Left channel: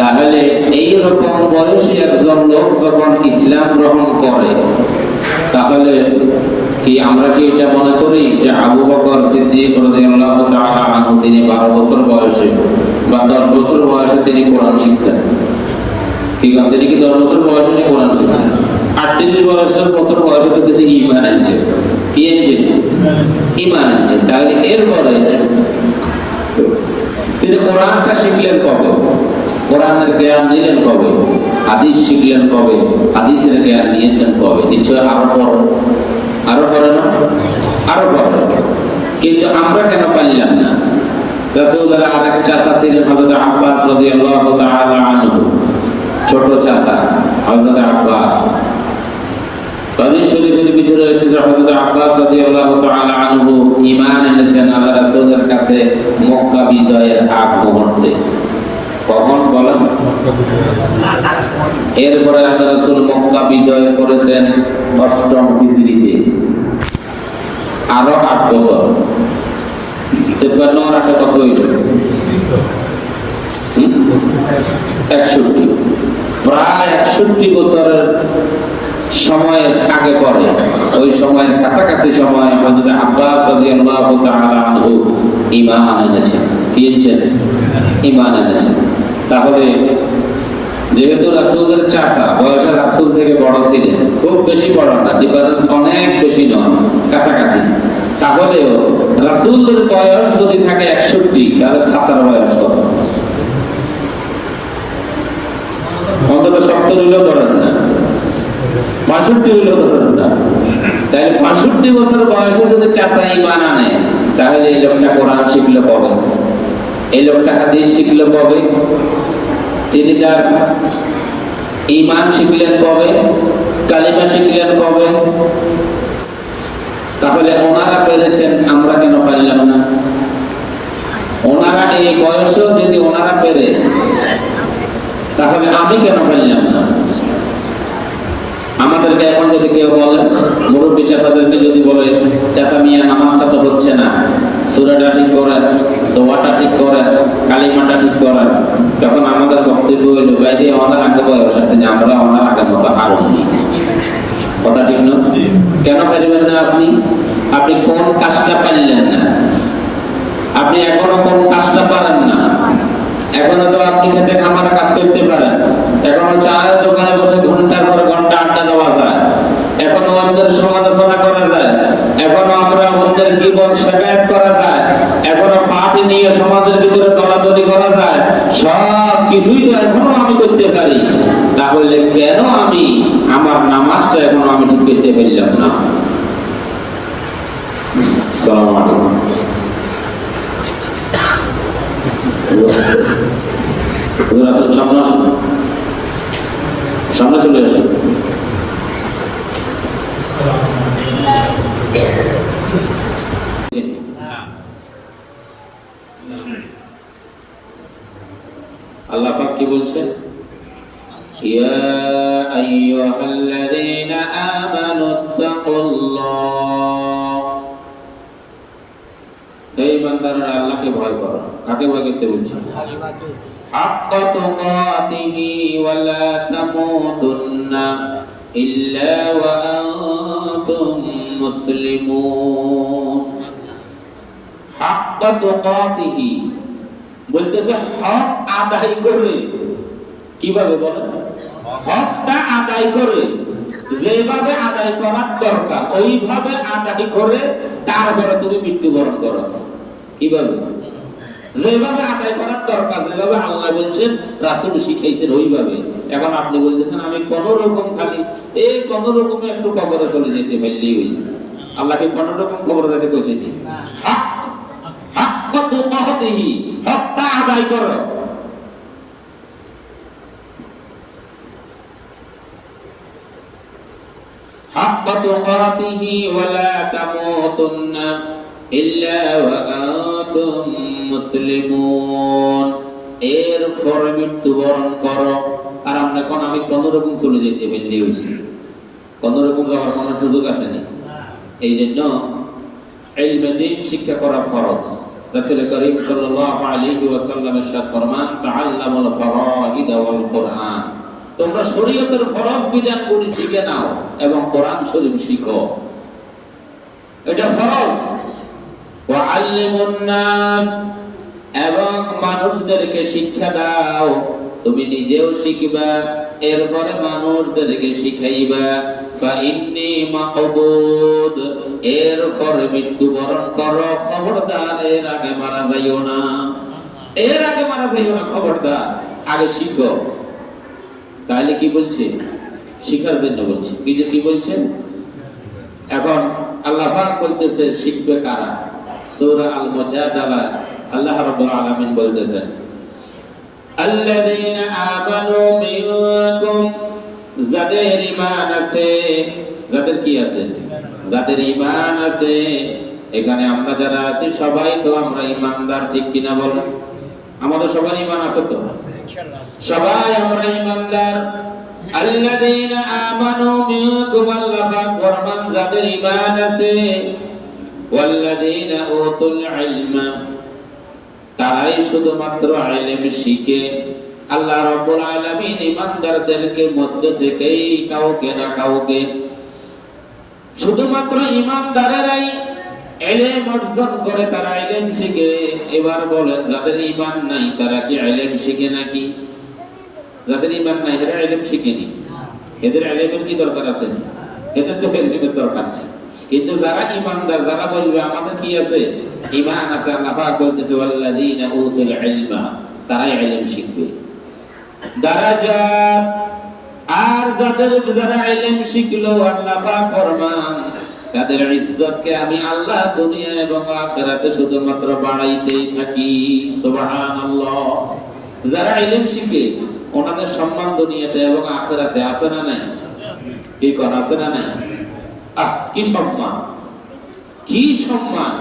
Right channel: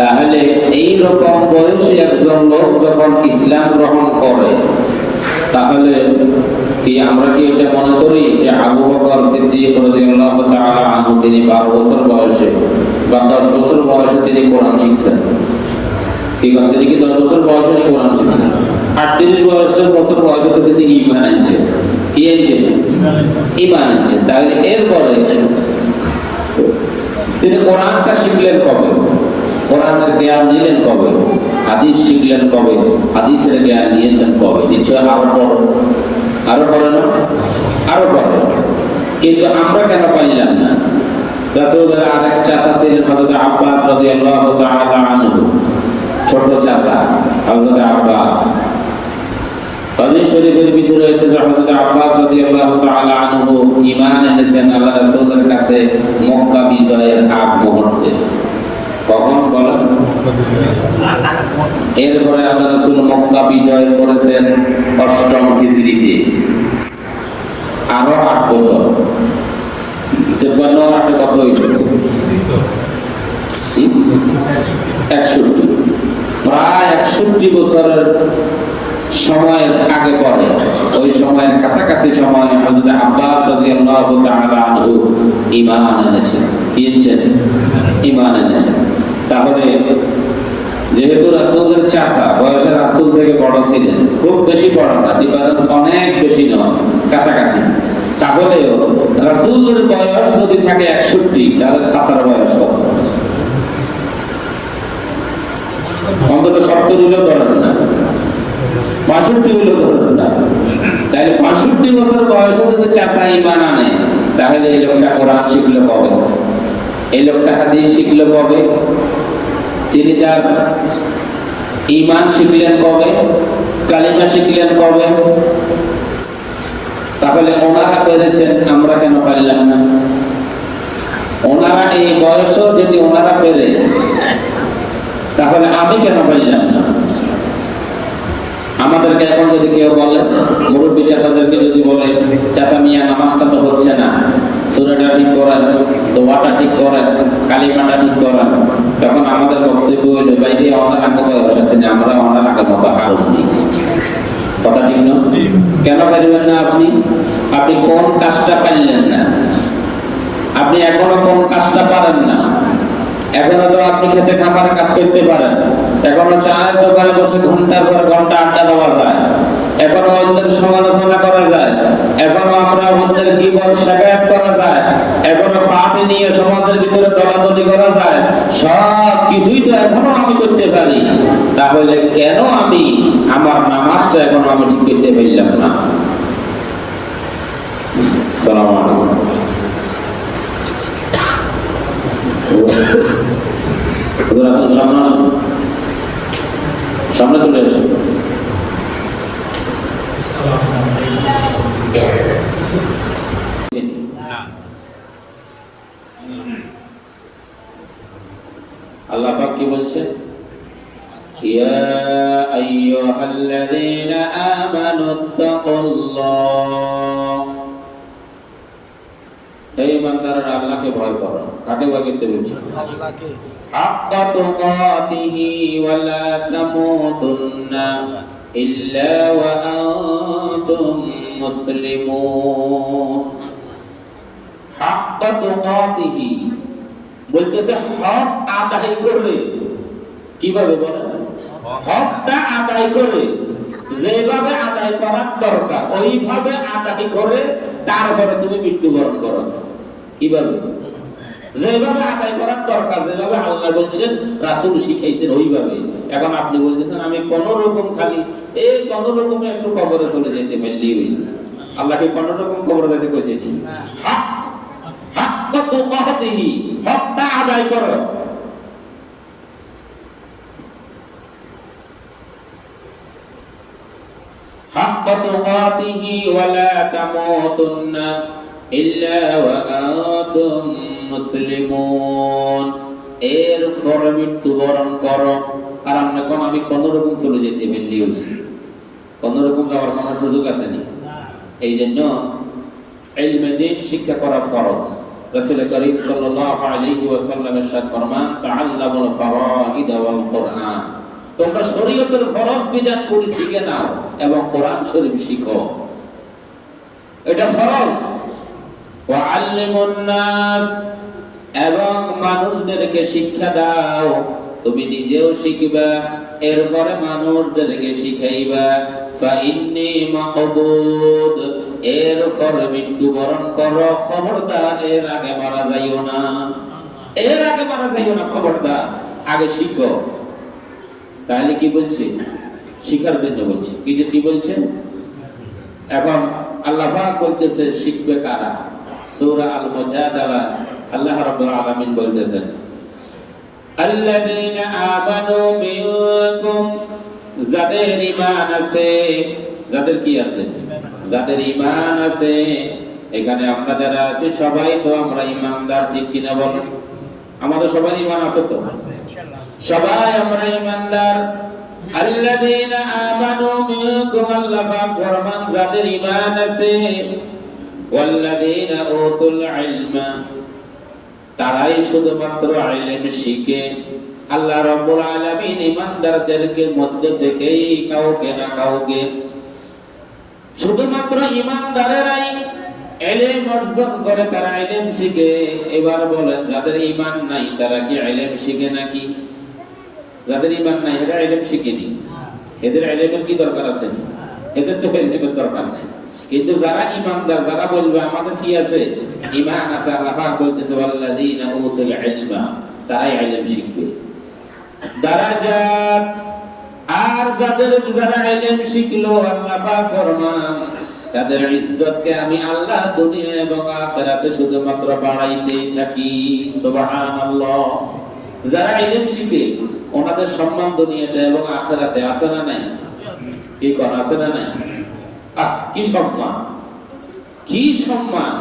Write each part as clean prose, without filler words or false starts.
তাহলে এই রকম বয়সে একজন লোক যখন ইসলাম গ্রহণ করে, তাহলে কি আমরা কি এটা মনে করি যে আবু বকর সিদ্দিক রাদিয়াল্লাহু তাআলা আনহু তিনি 12 বছর বয়সে বা 10 বছর বয়সে তিনি কোরআন শিখছেন? কি তিনি কি 10 বছর বয়সে কোরআন শিখছেন? 38 বছর বয়সে তো তিনি ঈমান আনছেন। কি আনছেন? ঈমান আনছেন। তাহলে এরপরে তিনি কোরআনটা শিখলেন কবে? কোরআনের জ্ঞান নিলেন কবে? হাদিস শিখলেন কবে? হাদিসের জ্ঞান নিয়েছেন কবে? নিশ্চয় আরো পরে না? আরো পরে। কিন্তু আমরা কেন পারলাম না? রাসূলের আরেক চাচা ছিলেন হযরত আব্বাস রাদিয়াল্লাহু তাআলা আনহু, ছোট চাচা হযরত আব্বাস। হাদিস শরীফের ভিতরে এসেছে হযরত আব্বাস রাদিয়াল্লাহু তাআলা আনহু ঈমান এনেছেন আল্লাহ রাসূলের কাছে মক্কা বিজয়ের আগ মুহূর্তে। কখন বলেন? এরপরে আল্লাহ রাসূল মক্কা বিজয় করেছেন 8ম হিজরিতে, আরো 8 বছর। 53 আর 8 কত হইল? 61। প্রায় 61 বছরের সময়ের আগে পরে, ওই সময়ের কাছাকাছি সময় হযরত আব্বাস রাদিয়াল্লাহু তাআলা আনহু ঈমান এনেছেন। কি এনেছেন? ঈমান এনেছেন। তাহলে যেহেতু রাসূলের চাচা বয়সে রাসূল থেকে বড় ছিলেন, খুব বেশি বড় না, ডিফারেন্স অনেক বেশি নয়, কাছাকাছি। তাহলে রাসূলের বয়স যদি থাকে 61, তাহলে চাচার বয়স কত? অন্তত 70 হইলেও ধরেন না, 65 হইলেও ধরেন না। তাহলে 65 বছর বয়সে যদি চাচা ঈমান আনে, তাহলে এই লোকটা কোরআন শিখলে কবে? এই লোকটা হাদিস শিখলে কবে? তিনি তার ঈমান শিখলেন কবে? কালিমা শিখলেন কবে? তাহলে ওনারা পেরেছেন, আমরা কেন পারলাম না? ওনারা এই বয়সে যদি ওনারা পেরে, তাহলে আমি কেন পারলাম না? আমাদেরকে এখন যদি কেউ বলে, মুরব্বী চাচাদেরকে যদি বলে, চাচা মিয়া নামাজটা তো হচ্ছে না, সূরাটা ঠিক করেন, দোয়াটা ঠিক করেন, কালিমাটা ঠিক করেন, তখন আমাদের বক্তব্য হইল, বাইরে ওনার আগে বয়স আছে না, আমরা ওনার আগের মতো হারুননি। কথা ঠিক না? কেন পারবেন না আপনি? আপনি কোন কাজটা পারলেন না? আপনি এখনো কোন কাজটা পারেন না? এখনো তো আপনি খেতে খামার কাজ করতে পারেন, এখনো চায়ের দোকানে বসে ঘন্টার পর ঘন্টা আড্ডা দেওয়া যায়, এখনো অন্যের সমালোচনা করা যায়, এখনো আমরা অন্যের গীবত শিকায়াত করা যায়, এখনো ফাঁপি নিয়ে সমাজের ভিতরে দলাদলি করা যায়, সব কিছুই তো এখনো আমি করতে পারি। তাহলে কেন আমি আমার নামাজটা এখনো আমি ঠিক করতে পারলাম না? আসসালামু আলাইকুম। সামনে চলে আসুন। আল্লাহ পাক কি বলছেন? ইয়া আইয়ুহাল্লাযীনা আমানুত্তাকুল্লাহ, হে ইমানদাররা আল্লাহকে ভয় করো। কাকে ভয় করতে বলছেন? আল্লাহকে। হাক্কা তুকাতিহি ওয়া লা তামুতুন্না ইল্লা ওয়া আনতুম মুসলিমুন। হাক্কা তুকাতিহি বলতেছে হক আদায় করে। কিভাবে বলেন? হকটা আদায় করে, যেভাবে আদায় করার দরকার ওইভাবে আদায় করে তারপরে তুমি মৃত্যুবরণ করো। কিভাবে? যেভাবে আদায় করার দরকার, যেভাবে আল্লাহ বলছেন, রাসূল শিখাইছেন ওইভাবে। এখন আপনি বলতেছেন আমি কোন রকম খালি এই কোন রকমে একটু কবরে চলে যেতে পারলেই হইল। আল্লাহ কি কোন রকম কবরে যেতে কইছে? হক হাক্কা তুকাতিহি, হকটা আদায় করো। হাক্কা তুকাতিহি ওয়া লা তামুতুন্না ইল্লা ওয়া আনতুম মুসলিমুন। এরপর মৃত্যুবরণ করো। আর আপনি কোন আমি কোন রকম চলে যেতে পারলেই হইছে? কোন রকম যাওয়ার কোন সুযোগ আছে না। এই জন্য ইলমে দ্বীন শিক্ষা করা ফরজ। রাসূল করিম সাল্লাল্লাহু আলাইহি ওয়াসাল্লাম ইরশাদ ফরমান তাআল্লামুল ফারাইদ ওয়াল কুরআন, তোমরা শরীয়তের ফরজ বিধানগুলি শিখে নাও এবং কোরআন শরীফ শিখো, এটা ফরজ। ওয়া আল্লিমুন নাস, এবং মানুষদেরকে শিক্ষা দাও, তুমি নিজেও শিখবা এরপরে মানুষদেরকে শিখাইবা। ফা ইন্নী মাকবুদ, এরপরে মৃত্যুবরণ করো, খবরদার এর আগে মারা যাইও না, এর আগে মারা যাইও না, খবরদার আগে শিখো। তাহলে কি বলছে? শিখার জন্য বলছে। কি বলছেন? এখন আল্লাহ পাক বলতেছে শিখবে কারা? সূরা আল মুজাদালা আল্লাহ রাব্বুল আলামিন বলতেছেন আল্লাযীনা আমানু মিনকুম, যাদের ঈমান আছে, যাদের কি আছে? যাদের ঈমান আছে। এখানে আমরা যারা আছি সবাই তো আমরা ঈমানদার, ঠিক কিনা বলেন? আমাদের সবার ঈমান আছে তো? সবাই আমরা ঈমানদার। আল্লাযীনা আমানু মিনকুম, আল্লাহ পাক ফরমান যাদের ঈমান আছে, ওয়াল্লাযীনা উতুল ইলমা, তারাই শুধুমাত্র ইলম শিখে। আল্লাহ রাব্বুল আলামিন ঈমানদারদেরকে মধ্যে থেকেই কাউকে না কাউকে, শুধুমাত্র ঈমানদারেরাই ইলম অর্জন করে, তারা ইলম শিখে। এবার বলেন যাদের ঈমান নাই তারা কি ইলম শিখে নাকি? যাদের ঈমান নাই এরা ইলম শিখেনি, এদের ইলমের কি দরকার আছে? এদের তো ইলমের দরকার নাই। কিন্তু যারা ঈমানদার, যারা বলবে আমাদের কি আছে? ঈমান আছে, আল্লাহ পাক বলতেছে ওয়াল্লাযীনা উতুল ইলমা, তারাই ইলম শিখবে। দারাজাত, আর যারা ইলম শিখলো আল্লাহ পাক ফরমান তাদের ইজ্জতকে আমি আল্লাহ দুনিয়া এবং আখিরাতে শুধুমাত্র বাড়াইতেই থাকি। সুবহানাল্লাহ। যারা ইলম শিখে ওনাদের সম্মান দুনিয়াতে এবং আখিরাতে আছে না নাই? কি কোন আছে না নাই? কি সম্মান, কি সম্মান!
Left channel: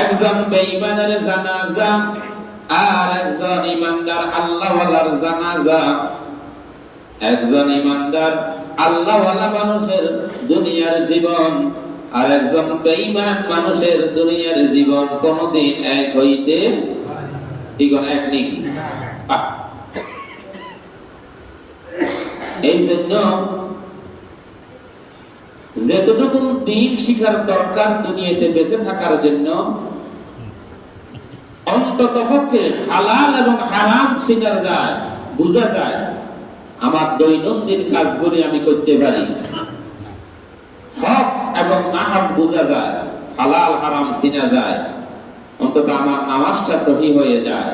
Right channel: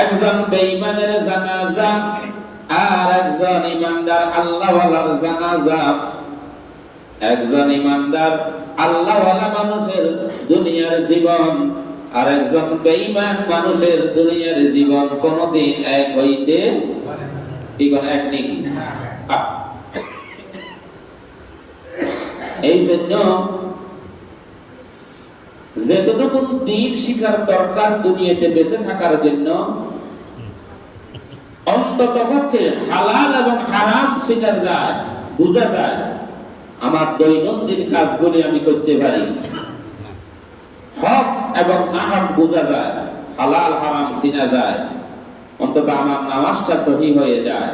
একজন বেঈমানের জানাজা আর একজন ঈমানদার আল্লাহওয়ালার জানাজা, একজন ঈমানদার আল্লাহওয়ালা মানুষের দুনিয়ার জীবন আর একজন বেঈমান মানুষের দুনিয়ার জীবন কোনদিন এক হইতে এক নাকি? এই জন্য যেতটুকু দিন শিখার দরকার দুনিয়াতে বেঁচে থাকার জন্য, অন্ততপক্ষে হালাল এবং হারাম শিখার যায়, বোঝা যায়, আমার দৈনন্দিন কাজগুলি আমি করতে পারি, হক এবং নাহক বোঝা যায়, হালাল হারাম চিনা যায়, অন্তত আমার নামাজটা সহি হয়ে যায়।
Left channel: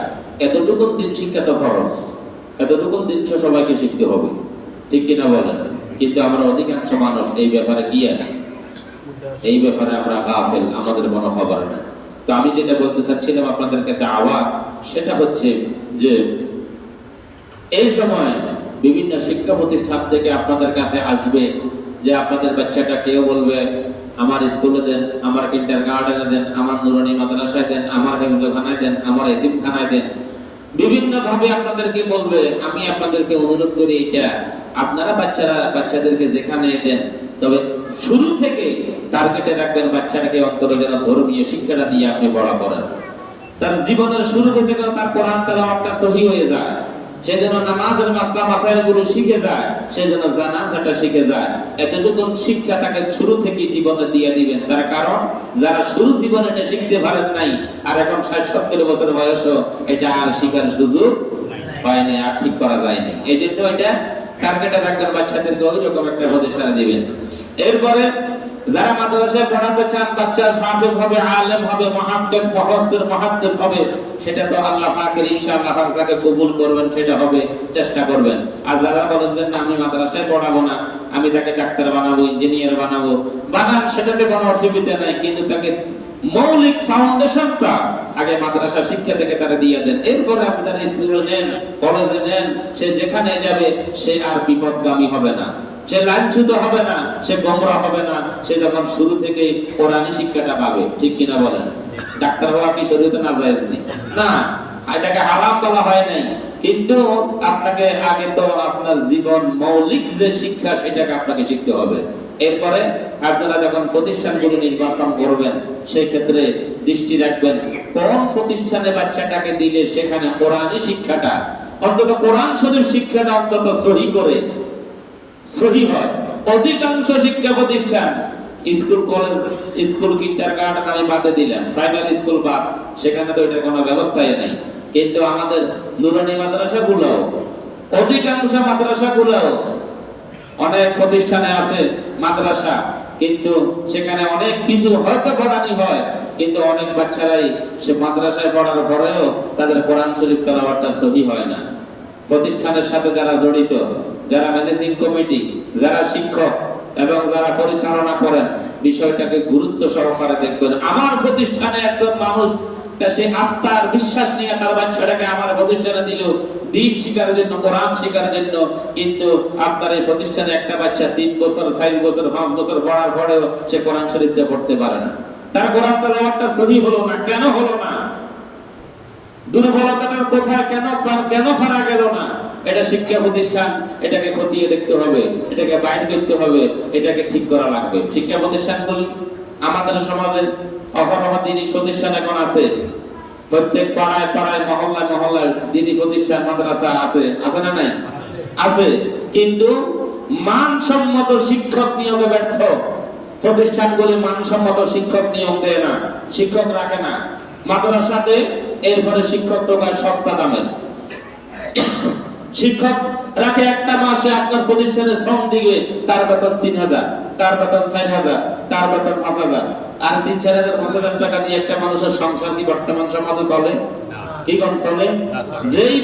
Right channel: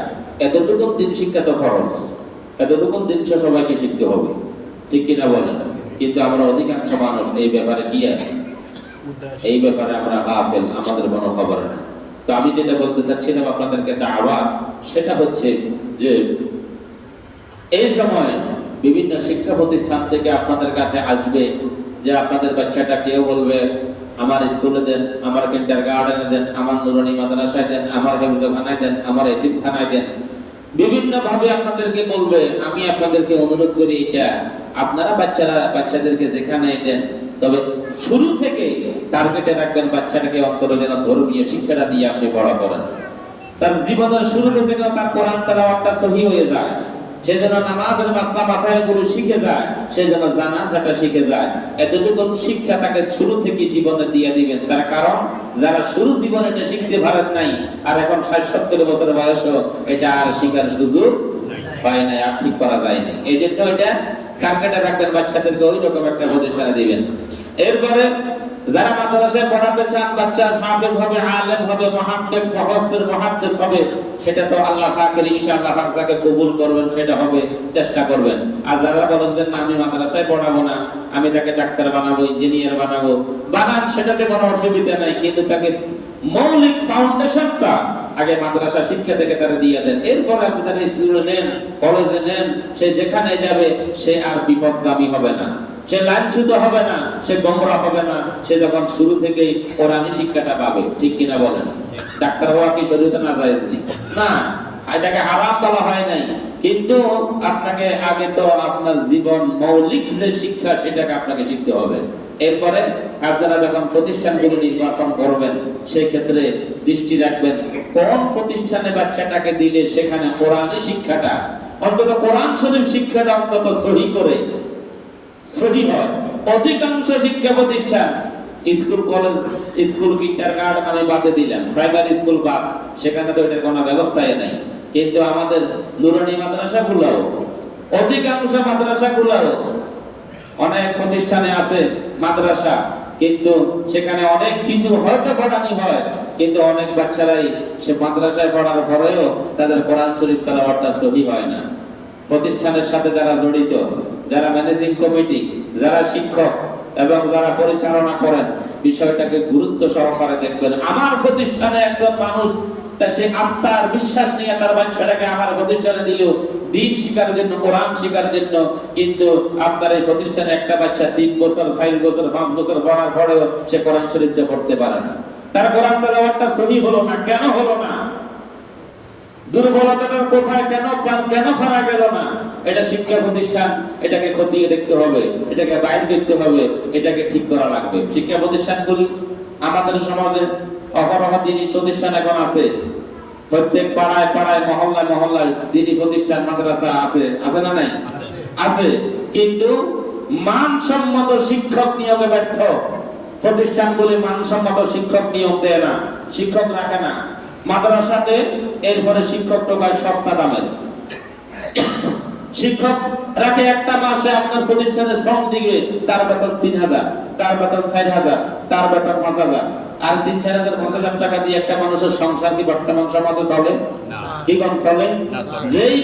এতটুকু দিন শিক্ষা তো খরচ, এতটুকু দিন সবাইকে শিখতে হবে, ঠিক কিনা বলেন? কিন্তু আমরা অধিকাংশ মানুষ এই ব্যাপারে কি আছে? এই ব্যাপারে আমরা গাফেল, আমাদের কোনো খবর নেই। তো আমি যেটা বলতে চাচ্ছিলাম আপনাদেরকে দাওয়াত, সেটা হচ্ছে যে এই সময় বিভিন্ন শিক্ষা প্রতিষ্ঠান থেকে আপনাদের কাছে আসবে যে আপনাদের বাচ্চাটা কেউ বলবে আমার স্কুলে দেন, আমার কিন্ডারগার্টেনে দেন, আমার নুরানি মাদ্রাসায় দেন, আমার হেফজখানায় দেন, আমার এতিমখানায় দেন। বিভিন্ন ভাবে আপনাদেরকে বলবে। আমি আপনাদেরকে অনুরোধ করি এটা আপনারা বাচ্চাদেরকে যেখানে দেন, তবে শুরু থেকে টার্গেটে রাখবেন বাচ্চাটাকে অন্তরে যেন ধর্মীয় শিক্ষাটা দিয়ে আপনি বড় করেন। তার জীবনের শুরু থেকে যেন তার কোরআন তেলাওয়াতটা সহি হয়ে যায়, সে যেন নামাজের মাসলা মাসাইলগুলো শিখে যায়, সে যেন জানাজাটা শিখে যায়। এতটুকু শিক্ষা তাকে শুরু থেকে জীবনে দিয়ে দিবেন। তার কারণ যারা শুরু জীবনে এটা শিখতে পারেন নাই আর এখন ৬০-৭০ বছর বয়সও এটা আর শিখার সুযোগ পায় নাই, আর ঠিক করা যায়নি। এই জন্য এটা টার্গেটে রাখবেন, বাচ্চাদেরকে ওই রকম একটা প্রতিষ্ঠানে দিবেন। এরপরে যারা মাদ্রাসায় পড়াতে চান, বাচ্চা হাফেজ হবে, আলেম হবে, মুহাদ্দিস মুফাসসির মুহাদ্দিস হবে, সেটা তো আল্লাহ পাকের ইনশাআল্লাহ তাকে কবুল করবেন, সেটা হবে, চেষ্টা করবেন। আর যারা বলেন যে না আমি মাদ্রাসায় পড়াবো না, আমি তাকে ডাক্তার বানাবো, ইঞ্জিনিয়ার বানাবো, বানান, সেটাতে কোনো অসুবিধা নাই, কিন্তু তাকে মৌলিক ফাউন্ডেশনটা আগে মাদ্রাসা শিক্ষা থেকে তারা দিয়ে দেন। এরপরে আপনি তার স্কুলে নেন, কলেজে নেন, সে যেখানে যাবে সে আর বিপদগামী হবে না, সে লাঞ্ছিত হবে না, সে গোমরা হবে না। সে যখন শুরু থেকেই কোরআনী শিক্ষাটা পাবে, ঠিক কিনা বলেন? ডাক্তার হওয়া কি শরীয়তে নাজায়েজ নেই? না, এটাকে হারাম বলা হয় নাই, কিন্তু আপনাকে আগে তো আপনার জীবন মৌলিক যে শিক্ষা সেটাকে আপনাকে শিখতে হবে। এরপরে আপনারা যখন প্রতিষ্ঠানগুলো নির্বাচন করবেন সেই ক্ষেত্রে দৃষ্টি রাখবেন কোন প্রতিষ্ঠানে বাচ্চাটাকে দিলে সেখানে কোরআনী শিক্ষাটা অন্তত কোরআন শরীফ শিক্ষাটা অন্তত সহি করে সহি হয়। অধিকাংশ শিক্ষা প্রতিষ্ঠান স্কুল কলেজ স্কুল কিন্ডারগার্টেন আমি বাদে দিলাম, প্রাইমারি স্কুল বাদ, সেখানে তো এটার কোনো ব্যবস্থাই নাই। কিন্তু আমাদের নুরানি মাদ্রাসাগুলোও অধিকাংশ মাদ্রাসাগুলোও অনেক প্রতিষ্ঠানে আছে মাদ্রাসা, কিন্তু সেখানে অনেক কিছু হয়তো পড়ানি হয়, কিন্তু অনেক বাচ্চারাই সে মাদ্রাসায় পড়ার পরেও তাদের কোরআন শরীফ তেলাওয়াতটা সহি হয় না। প্রতিষ্ঠানের সাথে যারা জড়িত, যারা ম্যানেজিং কমিটি, যারা শিক্ষক এবং যারা পরিচালনা করেন, বিষয়টাকে গুরুত্ব সহকারে দেখবেন। আমার প্রতিষ্ঠানে একজন মানুষ তা সে আস্থা আর বিশ্বাস নিয়ে তার বাচ্চাটাকে আমার প্রতিষ্ঠানে দিল দিন শিকার জন্য, কোরআন শিকার জন্য, কিন্তু আপনার এই প্রতিষ্ঠানে একটা বাচ্চা 3 বছর 4 বছর 5 বছর পড়ার পরেও সে কোরআন শরীফটা পড়তে পারে না, তার কোরআন তেলাওয়াতটা সহি হলো না। কেন হলো না? দুর্বলতাটার কোথায়, কেন ফেরা গেল না? এটা শিক্ষা প্রতিষ্ঠান, এটাকে খতিয়ে দেখতে হবে, এটাকে বাইর করতে হবে, এটাকে ঠিক করা লাগবে। শিক্ষা প্রতিষ্ঠানগুলি আমাদের সমাজে অহরহ দিনী প্রতিষ্ঠান এখন আছে, প্রত্যেক পাড়ায় পাড়ায় মহল্লায় মহল্লায় দিনী প্রতিষ্ঠান মাদ্রাসা আছে, আছে না নাই? আছে, কিন্তু মানসম্মত শিক্ষক নিয়োগে ব্যর্থ। প্রতিষ্ঠানগুলি মানসম্মত শিক্ষক নিয়োগ দেয় না, শিক্ষক রাখে না মাদ্রাসাতে। এরপরে শিক্ষক টোকায় সস্তা দামের শিক্ষক রাখে, একটা মাসে আপনার প্রতিষ্ঠানে শ্রম দিকে তার বেতন 3000, তার বেতন 4000, তার বেতন 5000, আর 3-4000 5000 টাকা দিয়ে একটা মানুষের সংসার কি বর্তমান সমাজে চলে? কি কোন চলে? যেই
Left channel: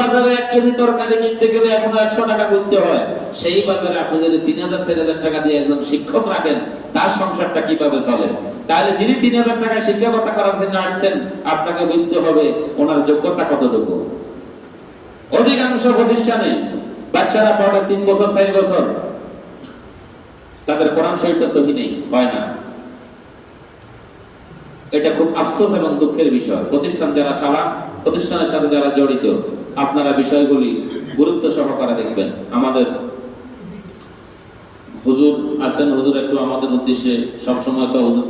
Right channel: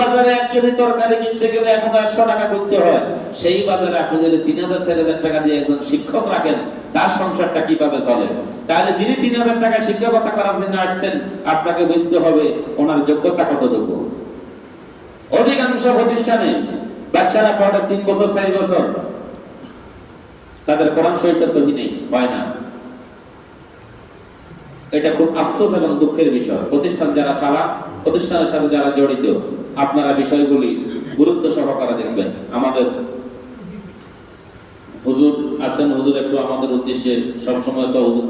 বাজারে 1 কেজি তরকারি কিনতে গেলে এখন 100 টাকা দিতে হয়, সেই বাজারে আপনি যদি 3000-4000 টাকা দিয়ে একজন শিক্ষক রাখেন, তার সংসারটা কিভাবে চলে? তাহলে যিনি 3000 টাকা শিক্ষকতা করার জন্য আসছেন, আপনাকে বুঝতে হবে ওনার যোগ্যতা কতটুকু। অধিকাংশ প্রতিষ্ঠানে বাচ্চারা পড়ে 3 বছর 4 বছর, তাদের কোরআন শরীফটা সহি নেই, হয় না। এটা খুব আফসোস এবং দুঃখের বিষয়। প্রতিষ্ঠান যারা চালান, প্রতিষ্ঠানের সাথে যারা জড়িত, আপনারা বিষয়গুলি গুরুত্ব সহকারে দেখবেন। আমাদের হুজুর আছেন, হুজুর একটু আমাদের উদ্দেশ্যে সবসময় তো হুজুর